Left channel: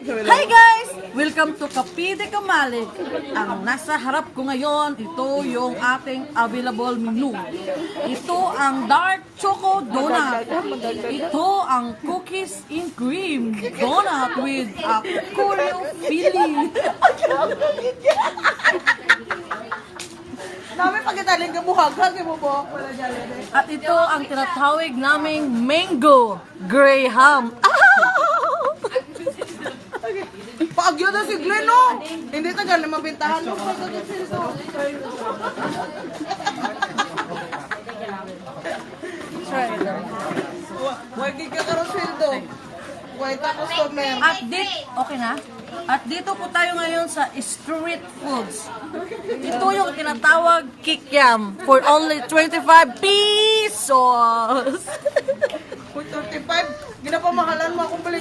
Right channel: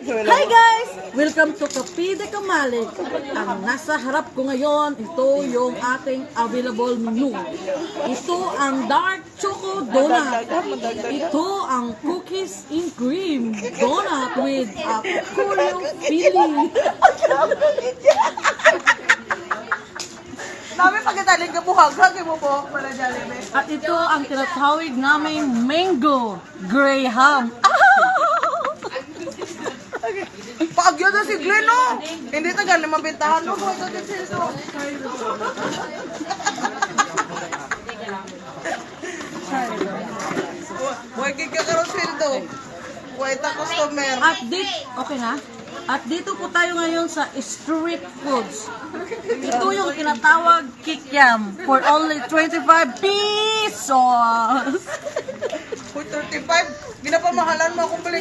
Hi guys! Welcome to Kape de Kamali. Ang nasa harap ko ngayon, ito yung ating available menu. Ito ang dark choco donut. Ito ang cookies and cream donut with a Oreo filling. Dami pagkataling kabuhag-hag mo po pala Jollibee. At ito ang tinatawag namin mango graham. Paagyo na si Glenn, no? Hindi tagal na mabintahan, no? Pwede na silso. Huwag kikaroon sildo. Huwag ta customer. At dito, okay na? At dito po tayo ngayon sa street foods. Ito yung tinatawag kikiam for only 25 pesos. For 35, ginapamahalan mo akong balik.